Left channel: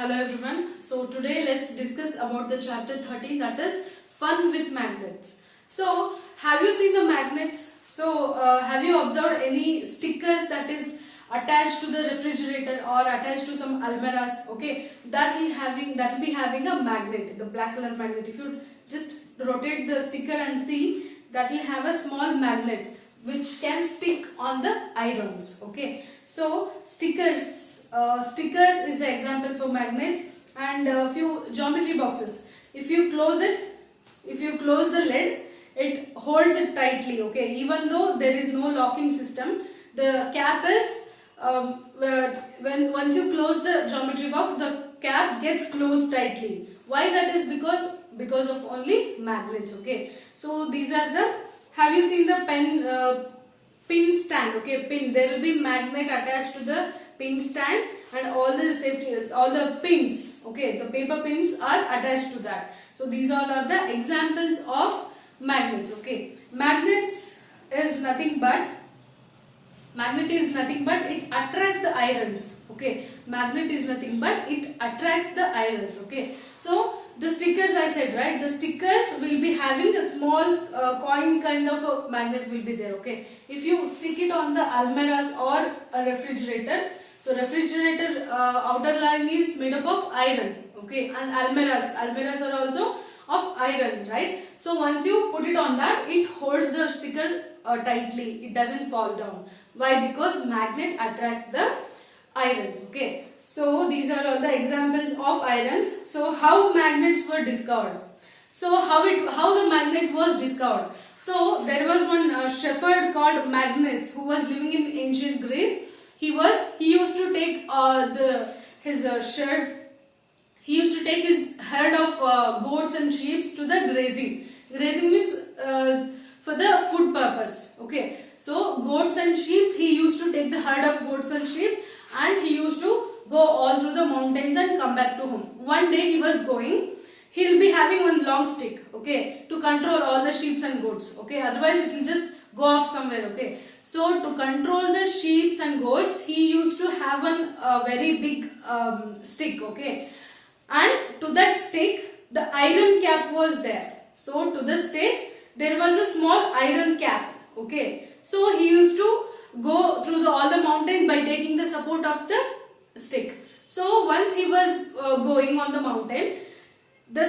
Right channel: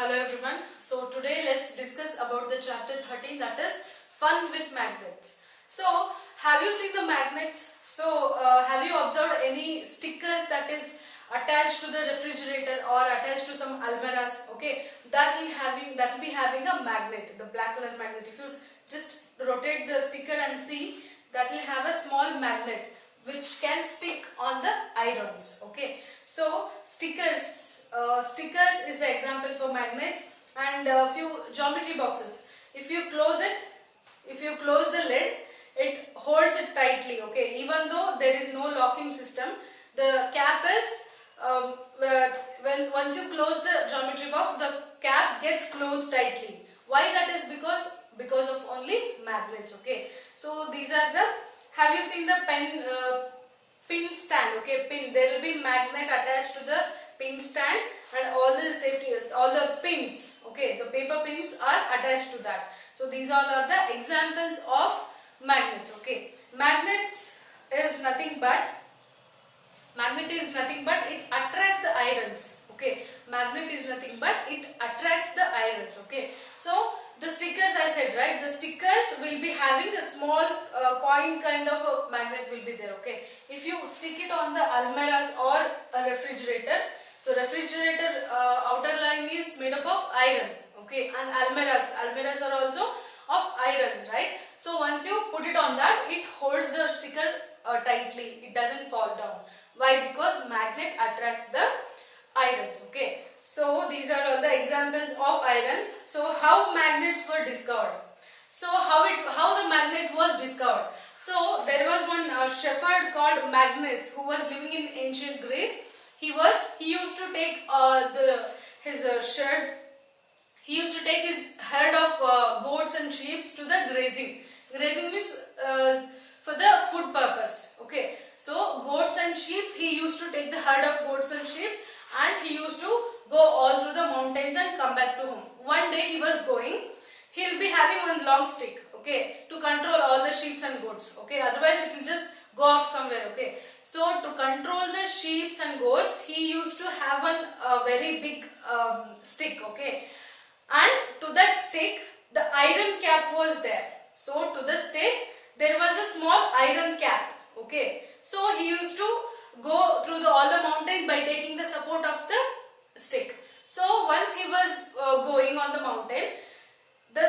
Hello everyone. So today let's discuss about the chapter 13, that is fun with magnets. So have you seen the magnets? So have you observed any stickers that is attached to the refrigerator or attached to some almirahs? Okay, that will be having a magnet, the black color magnet. If you just rotate the sticker and see, that will have a small magnet which can stick on the irons. Okay, so stickers is the example for magnets, and a few geometry boxes. If you close the lid, it holds it tightly. Okay, even though there is no locking system, the cap is once you close the geometry box, the cap gets closed tightly. Why that is? Because of only magnets. Okay, so these are the. Have you seen the pin stand? Okay, pin. There will be magnet attached to the pin stand, and all the pins, okay, the paper pins are attached to that. So these all are the examples of magnets. Okay, magnet is nothing but it attracts the irons. Okay, magnet is nothing but it attracts the irons. Okay, so the stickers I said, right, the stickers will be having a small coin kind of a magnet will be there. Okay, if you stick it on the almirahs or a refrigerator, so refrigerator outer line is made up of iron. Okay, and almirahs are also of iron, right? So once you put it on that, it holds the sticker tightly, it doesn't fall down. Why? Because magnet attracts the irons. Okay, so these are all the examples of irons. So how magnets were discovered? So how the magnet was discovered? So there was one shepherd called Magnus who was living in ancient Greece. He used to take his herd of goats and sheep to the grazing. Grazing means for the food purpose. Okay, so goats and sheep, he used to take the herd of goats and sheep, and he used to go all through the mountains and come back to home. One day he was going, he'll be having one long stick, okay, to control all the sheep and goats. Okay, otherwise it will just go off somewhere. Okay, so to control the sheep and goats, he used to have one very big stick. Okay, and to that stick the iron cap was there. So to the stick there was a small iron cap. Okay, so he used to go through all the mountain by taking the support of the stick. So once he was going on the mountain, the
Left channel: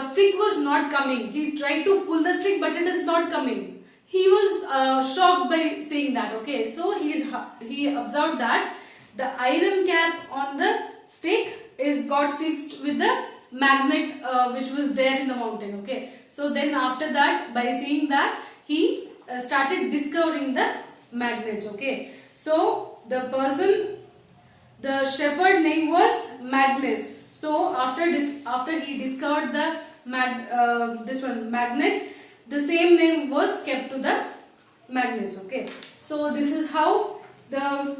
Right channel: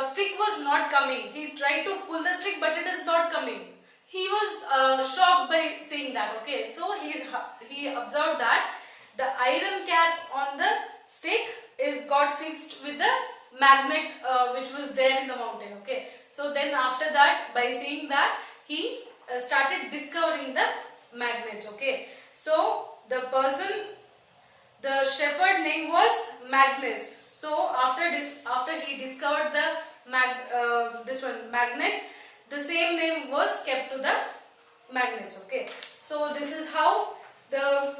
stick was not coming. He tried to pull the stick, but it is not coming. He was shocked by seeing that. Okay, so he observed that the iron cap on the stick is got fixed with the magnet which was there in the mountain. Okay, so then after that, by seeing that, he started discovering the magnets. Okay, so the shepherd name was Magnus. So after he discovered the magnet, the same name was kept to the magnets. Okay, so this is how the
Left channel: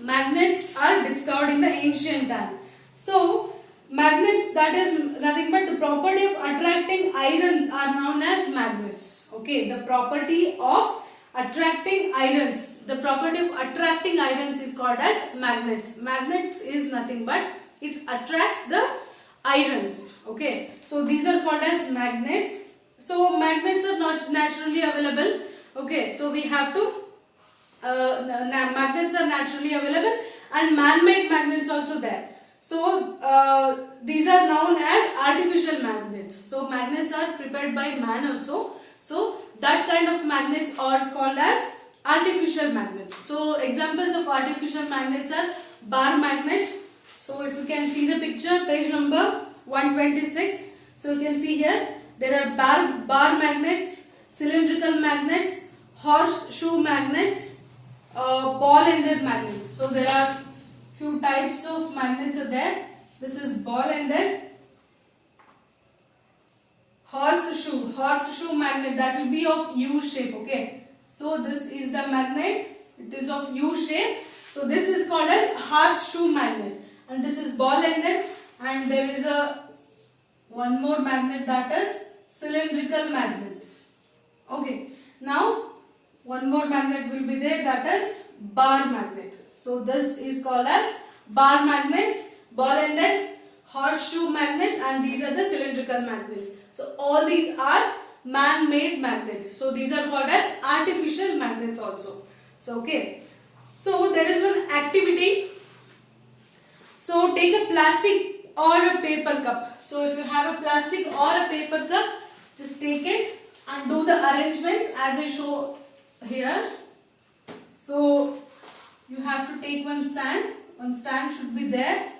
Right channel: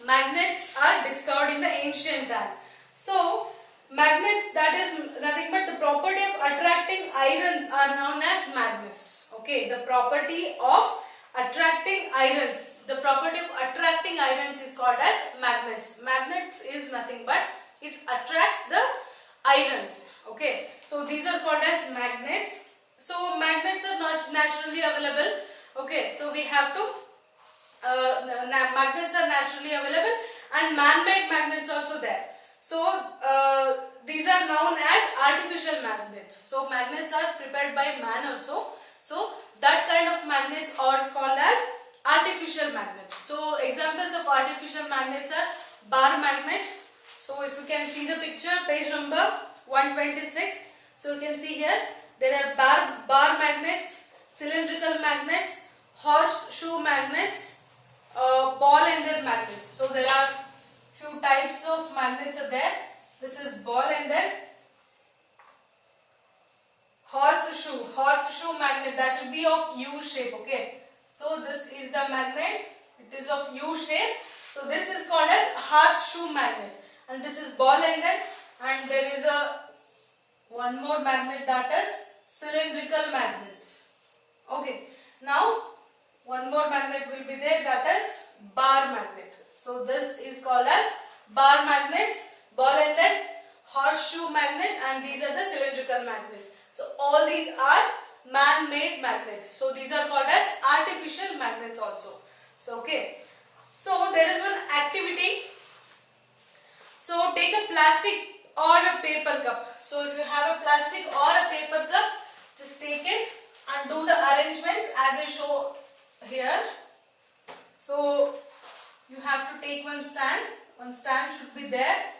magnets are discovered in the ancient time. So magnets, that is nothing but the property of attracting irons, are known as magnets. Okay, the property of attracting irons, the property of attracting irons is called as magnets. Magnets is nothing but it attracts the irons. Okay, so these are called as magnets. So magnets are not naturally available. Okay, so we have to magnets are naturally available, and man-made magnets also there. So these are known as artificial magnets. So magnets are prepared by man also. So that kind of magnets are called as artificial magnets. So examples of artificial magnets are bar magnet. So if you can see the picture, page number 126. So you can see here, there are bar magnets, cylindrical magnets, horseshoe magnets, ball-ended magnets. So there are few types of magnets are there. This is ball-ended. Horseshoe magnet, that will be of U shape. Okay, so this is the magnet, it is of U shape. So this is called as horseshoe magnet, and this is ball-ended, and there is one more magnet, that is cylindrical magnets. Okay, now one more magnet will be there, that is bar magnet. So this is called as bar magnets. ball ended, horseshoe magnet, and these are the cylindrical magnets. So all these are man-made magnets. So these are called as artificial magnets also. So okay. So there is one activity. So take a plastic or a paper cup. So if you have a plastic or a paper cup, just take it and do the arrangements as I show here. So you have to take one stand. One stand should be there,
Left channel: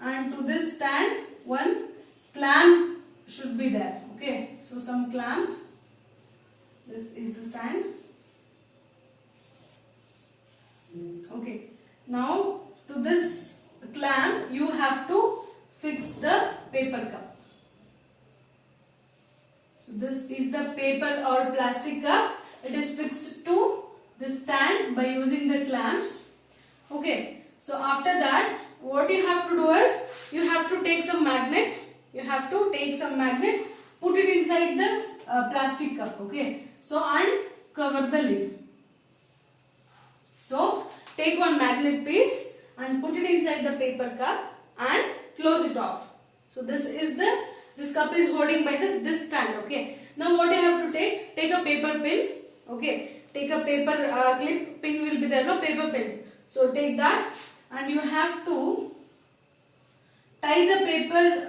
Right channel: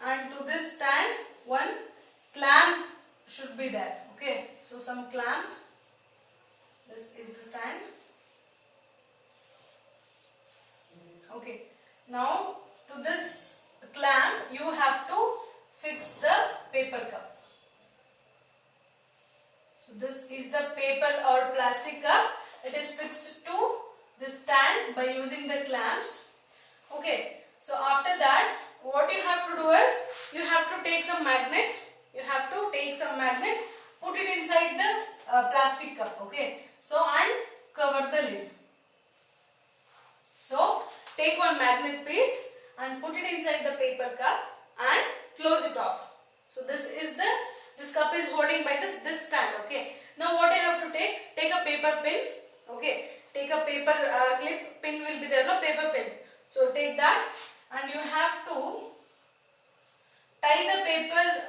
and to this stand one clamp should be there. Okay, so some clamp. This is the stand. Okay, now to this clamp you have to fix the paper cup. So this is the paper or plastic cup. It is fixed to the stand by using the clamps. Okay, so after that what you have to do is you have to take some magnet. You have to take some magnet, put it inside the plastic cup. Okay, so and cover the lid. So take one magnet piece and put it inside the paper cup and close it off. So this cup is holding by this stand. Okay, now what you have to take a paper pin. Okay, take a paper clip, pin will be there, no, paper pin. So take that and you have to tie the paper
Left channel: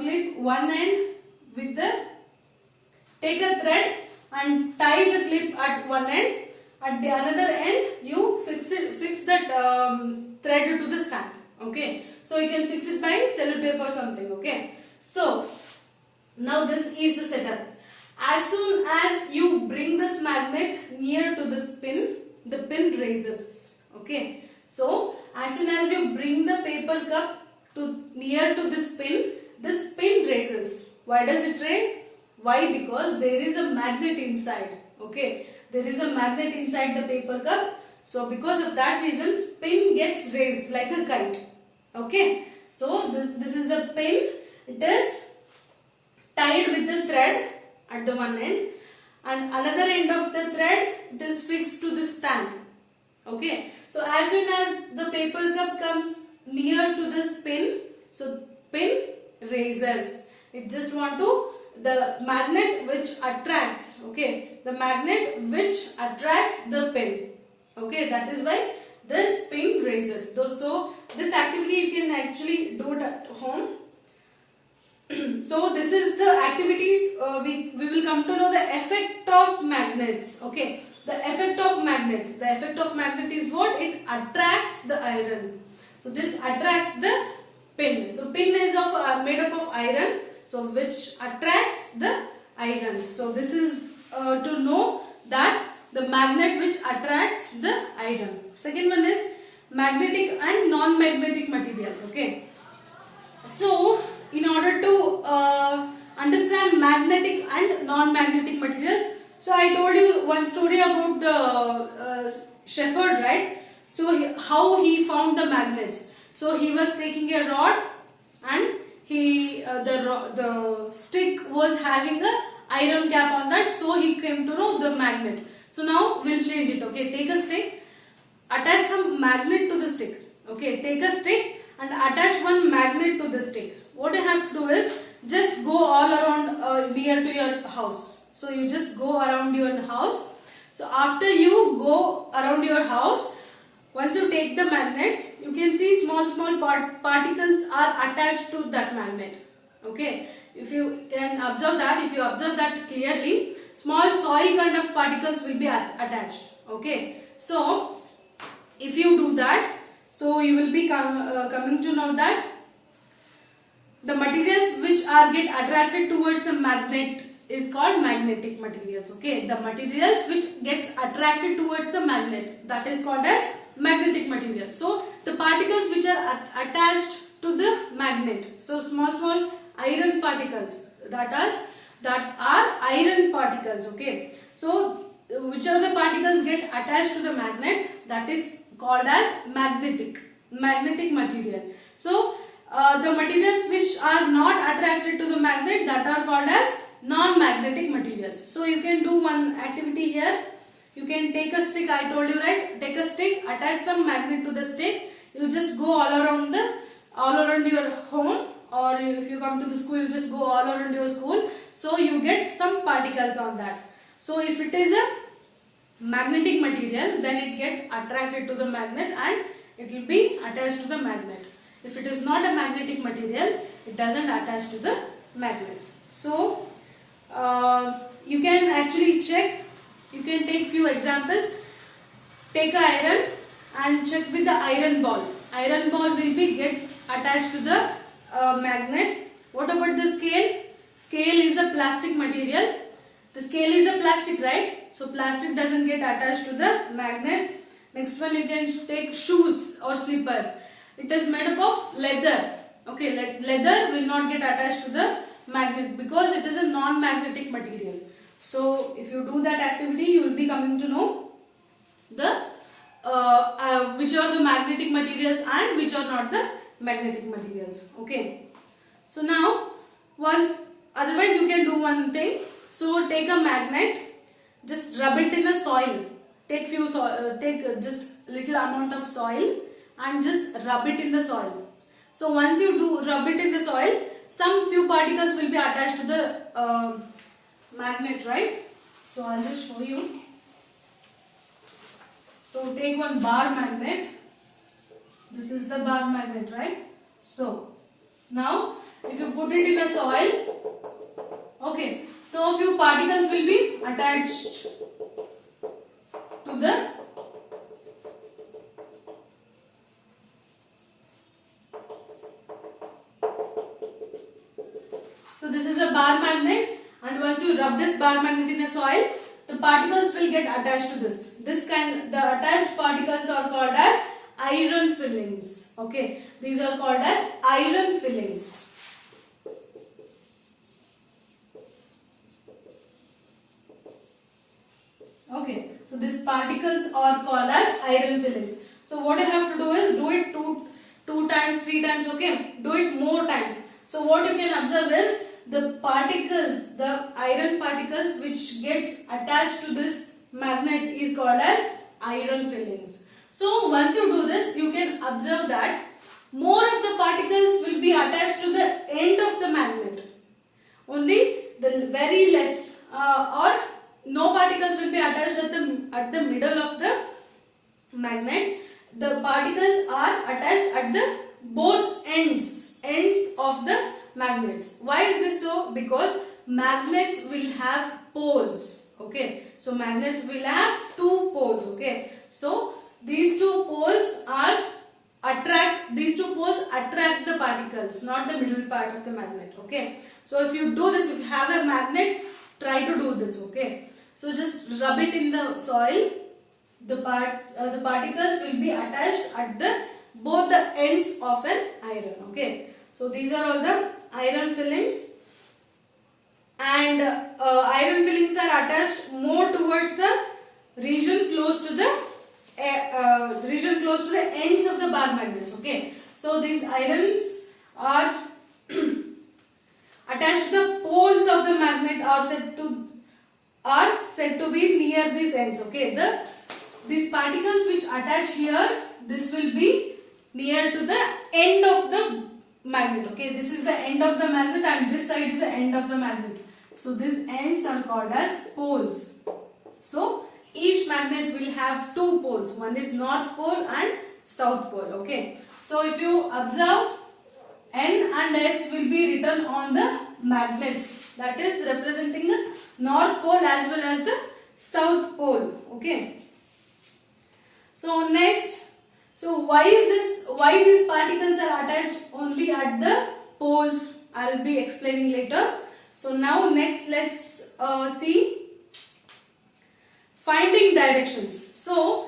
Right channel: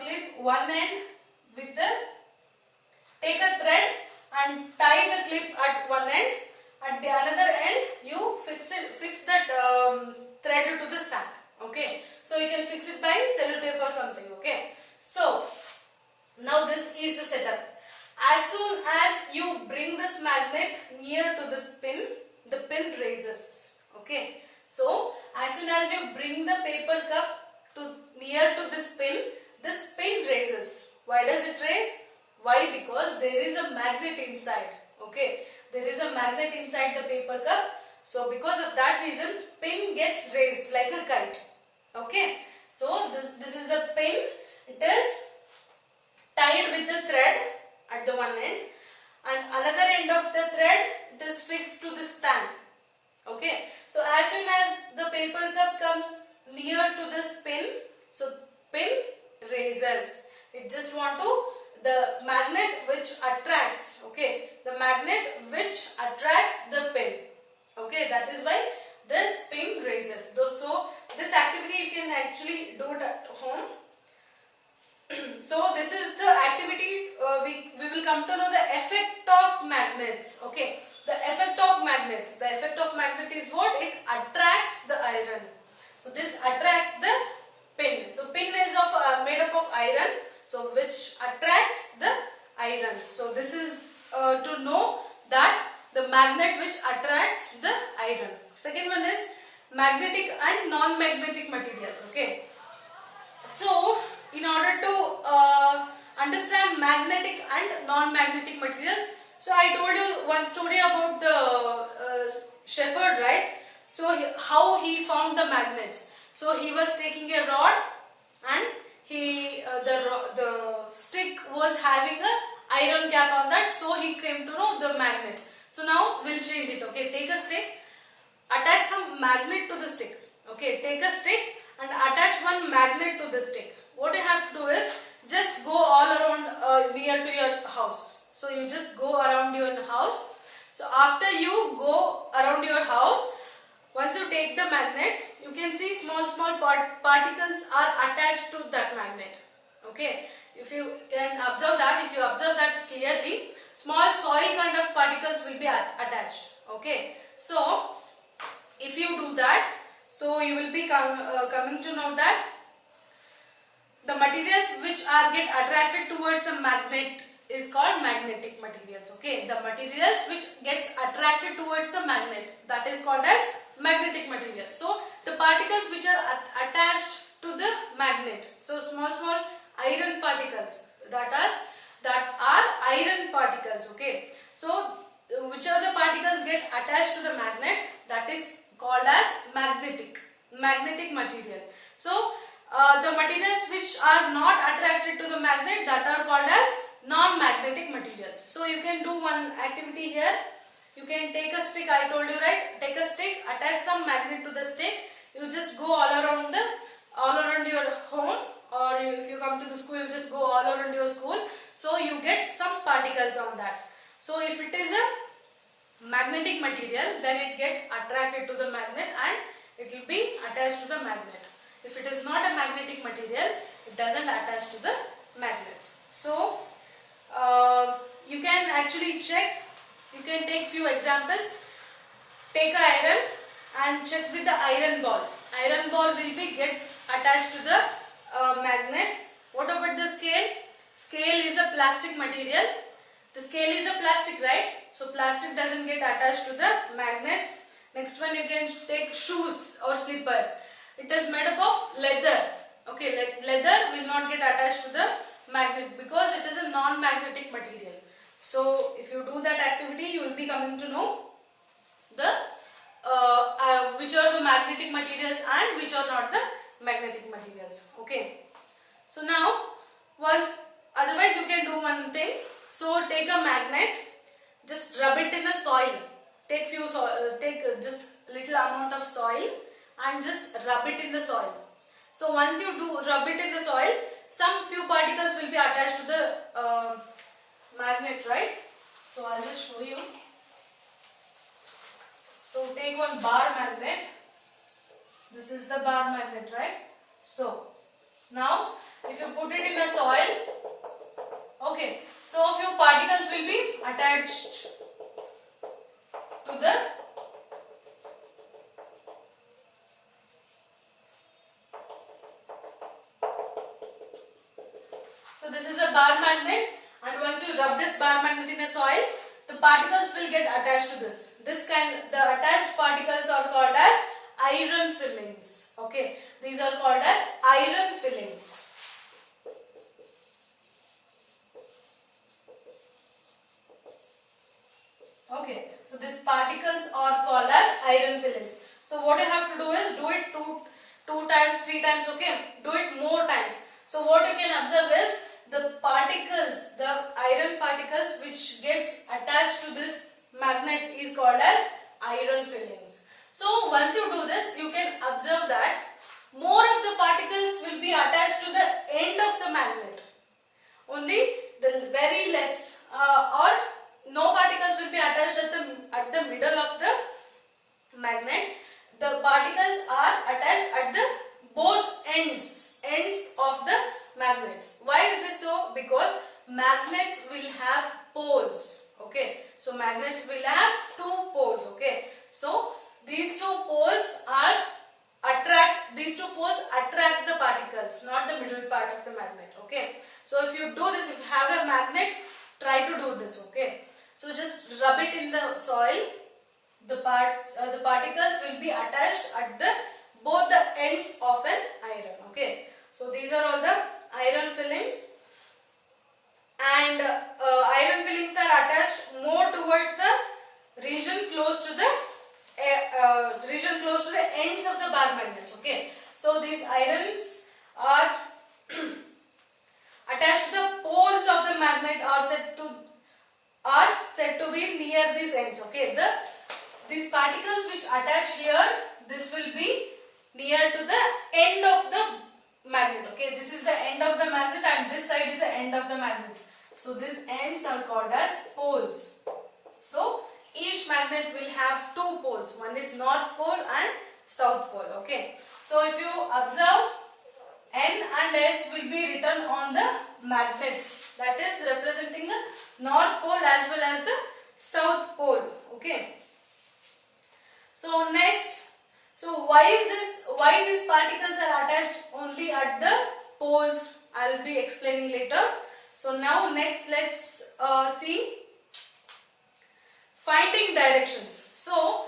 clip one end with the, take a thread and tie the clip at one end. At the another end you fix that thread to the stand. Okay, so you can fix it by sellotape or something. Okay, so now this is the setup. As soon as you bring this magnet near to this pin, the pin raises. Okay, so as soon as you bring the paper cup to near to this pin raises. Why does it raise? Why? Because there is a magnet inside. Okay, there is a magnet inside the paper cup. So because of that reason, pin gets raised like a kite. Okay, so this is a pin. It is tied with the thread at the one end, and another end of the thread it is fixed to the stand. Okay, so as soon as the paper cup comes near to this pin, so pin raises. It just want to, the magnet which attracts, okay, the magnet which attracts the pin. Okay, that is why this pin raises. So this activity you can actually do it at home. So this is the activity. We will come to know the effect of magnets. Okay, the effect of magnets. The effect of magnet is what? It attracts the iron. So this attracts the pin. So pin is made up of iron. So which attracts the iron. So this is to know that the magnet which attracts the iron. Second one is magnetic and non-magnetic materials. Okay, so in order to understand magnetic and non-magnetic materials, so I told you one story about the shepherd, right? So how he found the magnets. So he was taking a rod and the stick was having a iron cap on that, so he came to know the magnet. So now we'll change it. Okay, take a stick, attach some magnet to the stick. Okay, take a stick and attach one magnet to the stick. What you have to do is just go all around near to your house. So you just go around your house. So after you go around your house, once you take the magnet, you can see small particles are attached to that magnet. Okay, if you can observe that, if you observe that clearly, small soil kind of particles will be attached. Okay, so if you do that, so you will be coming to know that the materials which are get attracted towards the magnet is called magnetic materials. Okay, the materials which gets attracted towards the magnet, that is called as magnetic material. So the particles which are attached to the magnet, so small iron particles, that are iron particles. Okay, so whichever the particles get attached to the magnet, that is called as magnetic material. So the materials which are not attracted to the magnet, that are called as non-magnetic materials. So you can do one activity here. You can take a stick, I told you, right? Take a stick, attach some magnet to the stick. You just go all around the all around your home, or if you come to the school, you just go all around your school. So you get some particles on that. So if it is a magnetic material, then it get attracted to the magnet and it will be attached to the magnet. If it is not a magnetic material, it doesn't attach to the magnets. So you can actually check, you can take few examples. Take a iron and check with the iron ball. Iron ball will be get attached to the magnet. What about the scale? Scale is a plastic material. The scale is a plastic, right? So plastic doesn't get attached to the magnet. Next one, you can take shoes or slippers. It is made up of leather. Okay, leather will not get attached to the magnet because it is a non-magnetic material. So if you do that activity, you will be coming to know the which are the magnetic materials and which are not the magnetic materials. Okay. So now, otherwise you can do one thing. So take a magnet, just rub it in the soil. Take just little amount of soil and just rub it in the soil. So once you do rub it in the soil, some few particles will be attached to the magnet, right? So I'll just show you. So take one bar magnet. This is the bar magnet, right? So now if you put it in a soil, okay, so a few particles will be attached to the so this is a bar magnet, and once you rub this bar magnet in a soil, the particles will get attached to this. The attached particles are called as iron fillings. Okay, these are called as iron fillings. Okay, so these particles are called as iron fillings. So what you have to do is do it two times, 3 times. Okay, do it more times. So what you can observe is the particles, the iron particles which gets attached to this magnet is called as iron fillings. So once you do this, you can observe that more of the particles will be attached to the end of the magnet. Only the very less or no particles will be attached at the middle of the magnet. The particles are attached at the both ends of the magnets. Why is this so? Because magnets will have poles. Okay, so magnets will have 2 poles. Okay, so these two poles attract the particles, not the middle part of the magnet. Okay, so if you do this, if you have a magnet, try to do this. Okay, so just rub it in the soil. The particles will be attached at both the ends of an iron. Okay, so these are all the iron fillings, and iron fillings are attached more towards the region close to the ends of the bar magnets. Okay, so these irons are attached to the poles of the magnet are said to be near these ends. Okay, these particles which attach here, this will be near to the end of the magnet. Okay, this is the end of the magnet and this side is the end of the magnet. So these ends are called as poles. So each magnet will have 2 poles. One is north pole and south pole. Okay, so if you observe, N and S will be written on the magnets, that is representing the north pole as well as the south pole. Okay, so next, so why these particles are attached only at the poles, I will be explaining later. So now next let's see finding directions. So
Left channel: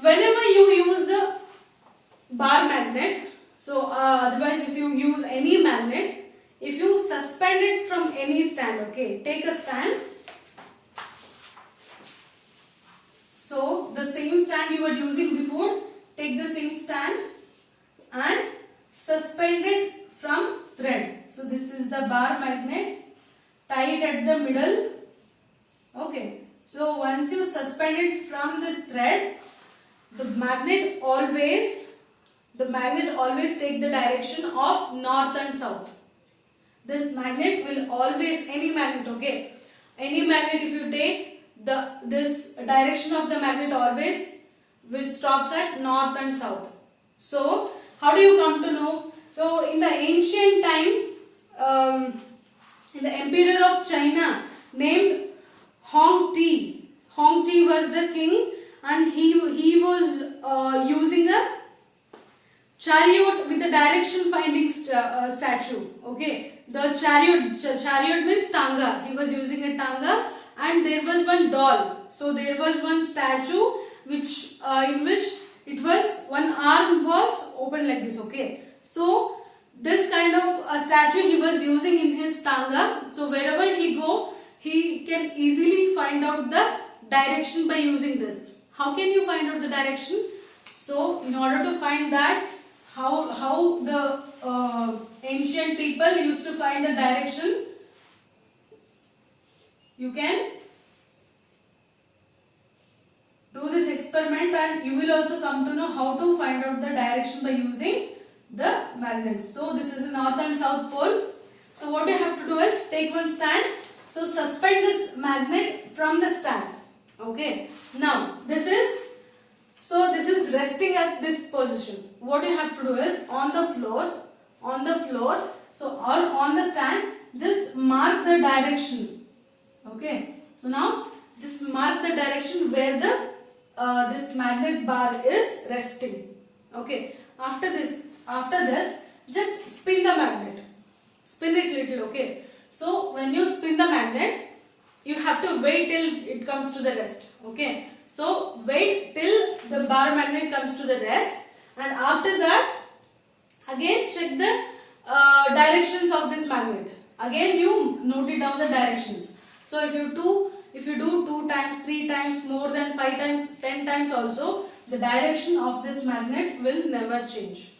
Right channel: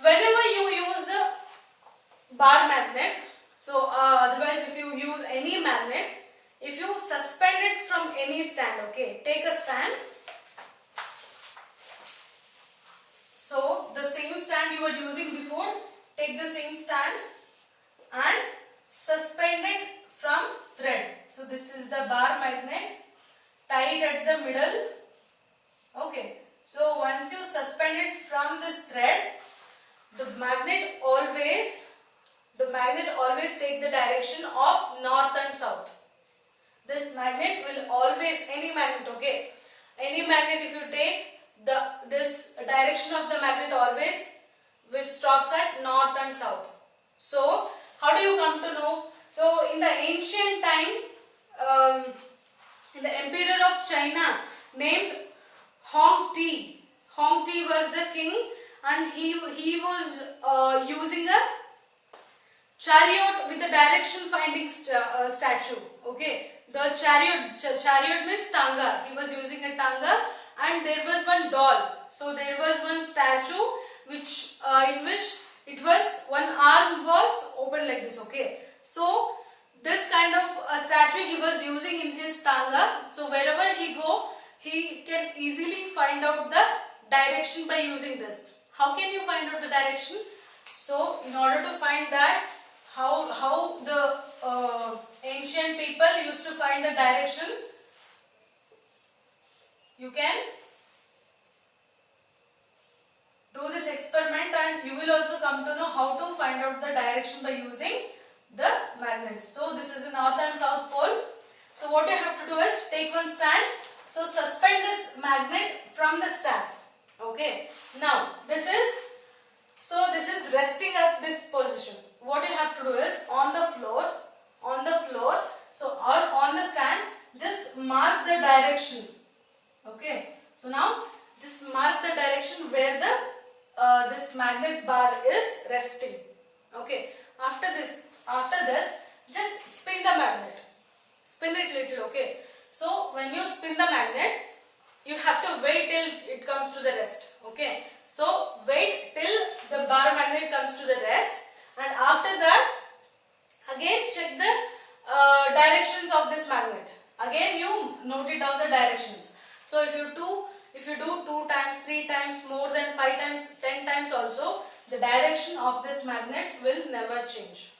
whenever you use the bar magnet, so otherwise if you use any magnet, if you suspend it from any stand, okay, take a stand. So the same stand you were using before, take the same stand and suspend it from thread. So this is the bar magnet, tie it at the middle. Okay, so once you suspend it from this thread, the magnet always the magnet always take the direction of north and south. This magnet will always, any magnet, okay, any magnet if you take, this direction of the magnet always will stops at north and south. So how do you come to know? So in the ancient time, the emperor of China named Hongti. Hongti was the king, and he was using a chariot with a direction finding statue. Okay, the chariot means tanga. He was using a tanga, and there was one doll. So there was one statue which in which it was one arm was open like this. Okay, so this kind of statue he was using in his tanga. So wherever he go, he can easily find out the direction by using this. How can you find out the direction? So in order to find that, how the ancient people used to find the direction, you can do this experiment and you will also come to know how to find out the direction by using the magnets. So this is the north and south pole. So what you have to do is take one stand. So suspend this magnet from the stand. Okay. Now this is resting at this position. What you have to do is on the floor, so or on the stand, just mark the direction. Okay. So now just mark the direction where the this magnet bar is resting. Okay. After this, just spin the magnet. Spin it little. Okay. So when you spin the magnet, you have to wait till it comes to the rest. Okay. So wait till the bar magnet comes to the rest, and after that, again check the directions of this magnet. Again you note it down the directions. So if you do 2 times, 3 times, more than 5 times, 10 times also, the direction of this magnet will never change.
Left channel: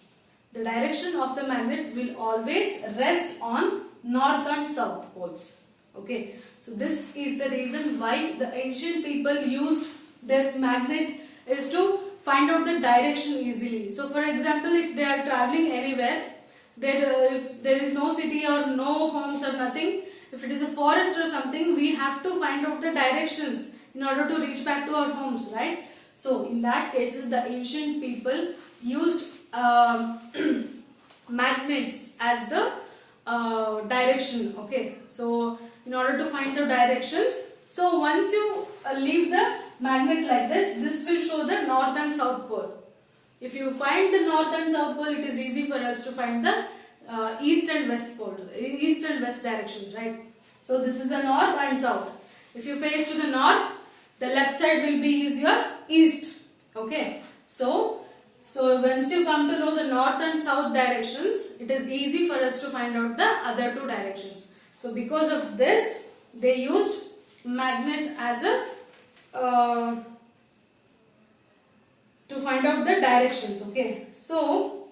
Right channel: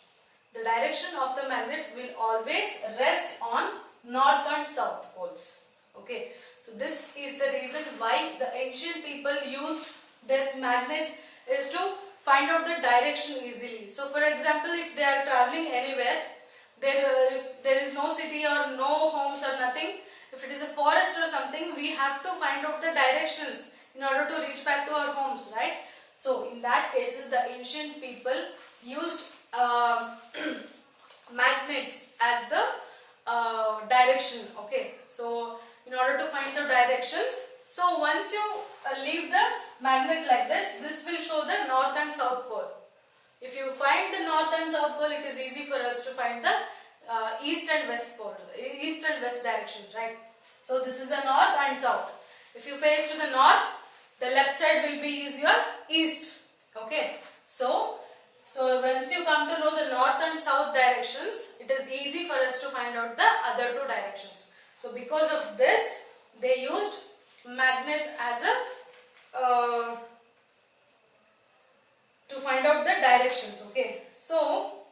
The direction of the magnet will always rest on north and south poles. Okay. So this is the reason why the ancient people used this magnet, is to find out the direction easily. So for example, if they are traveling anywhere, if there is no city or no homes or nothing, if it is a forest or something, we have to find out the directions in order to reach back to our homes, right? So in that cases, the ancient people used magnets as the direction. Okay, so in order to find the directions, so once you leave the magnet like this will show the north and south pole. If you find the north and south pole, it is easy for us to find the east and west pole, east and west directions, right? So this is the north and south. If you face to the north, the left side will be your east. Okay, so once you come to know the north and south directions, it is easy for us to find out the other 2 directions. So because of this, they used magnet as a to find out the directions. Okay, so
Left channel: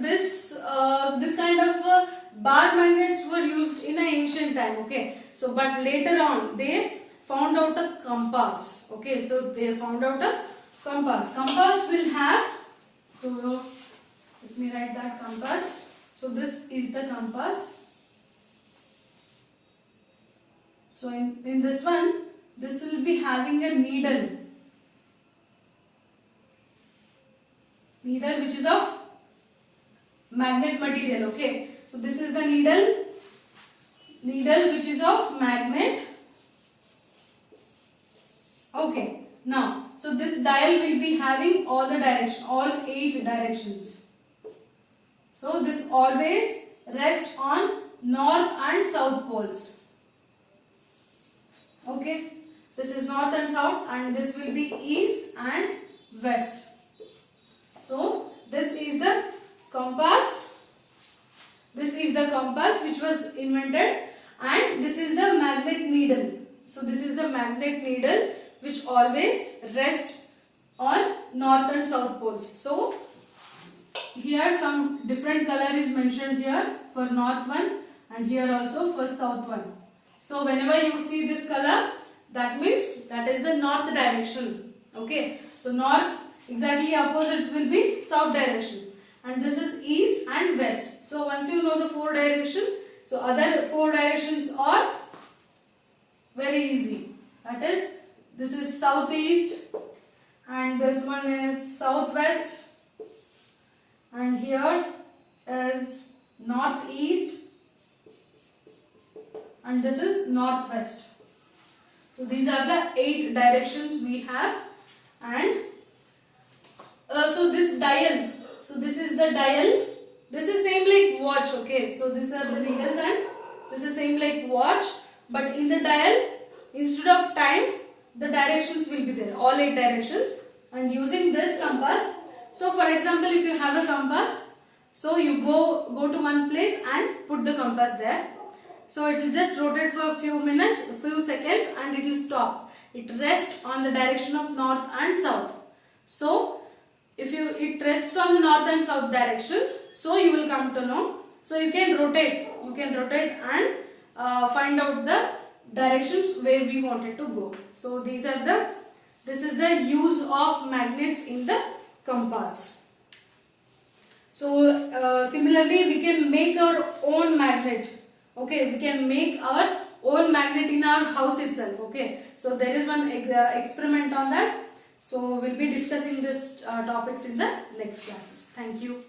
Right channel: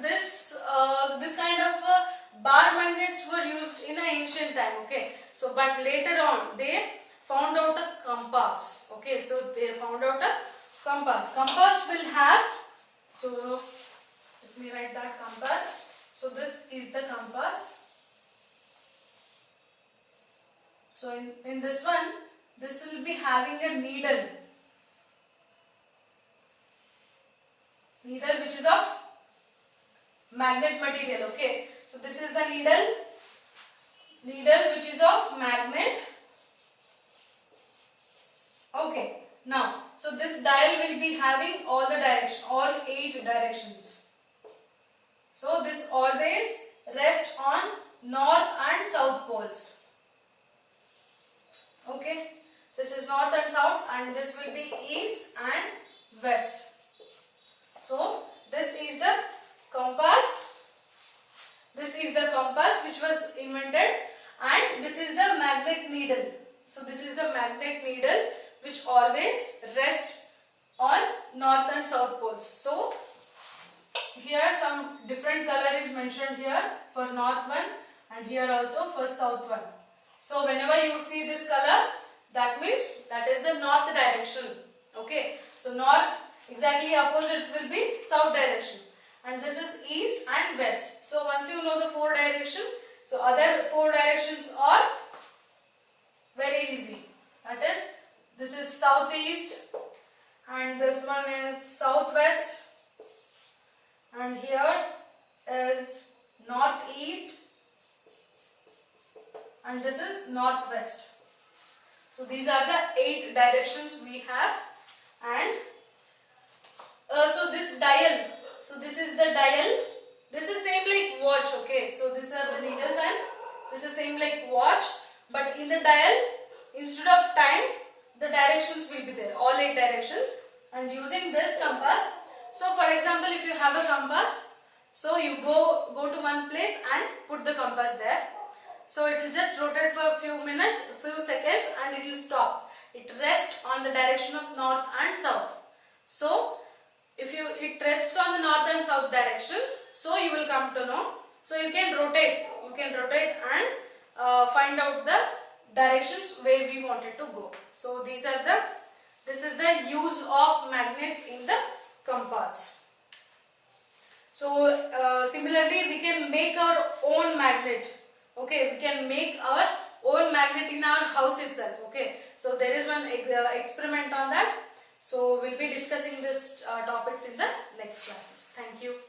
this kind of bar magnets were used in an ancient time. Okay, so but later on they found out a compass. Okay, so they found out a compass. Compass will have, so let me write that compass. So this is the compass. So in this one, this will be having a needle which is of magnet material. Okay, so this is the needle which is of magnet. Okay, now so this dial will be having all the direction, all 8 directions. So this always rests on north and south poles. Okay, this is north and south, and this will be east and west. So this is the compass. This is the compass which was invented, and this is the magnet needle. So this is the magnet needle which always rests on north and south poles. So here some different color is mentioned here for north one, and here also for south one. So whenever you see this color, that means that is the north direction. Okay, so north exactly opposite will be south direction, and this is east and west. So once you know the four direction, so other four directions are very easy. That is, this is southeast, and this one is southwest, and here is northeast, and this is northwest. So these are the 8 directions we have. And so this dial, so this is the dial, this is same like watch. Okay, so these are the needles and this is same like watch, but in the dial, instead of time, the directions will be there, all 8 directions. And using this compass, so for example, if you have a compass, so you go to one place and put the compass there. So it will just rotate for a few minutes, a few seconds, and it will stop. It rests on the direction of north and south. So if it rests on the north and south direction, so you will come to know. So you can rotate and find out the directions where we wanted to go. So this is the use of magnets in the compass. So similarly, we can make our own magnet. Okay, we can make our own magnet in our house itself. Okay, so there is one experiment on that. So we'll be discussing this topics in the next classes. Thank you.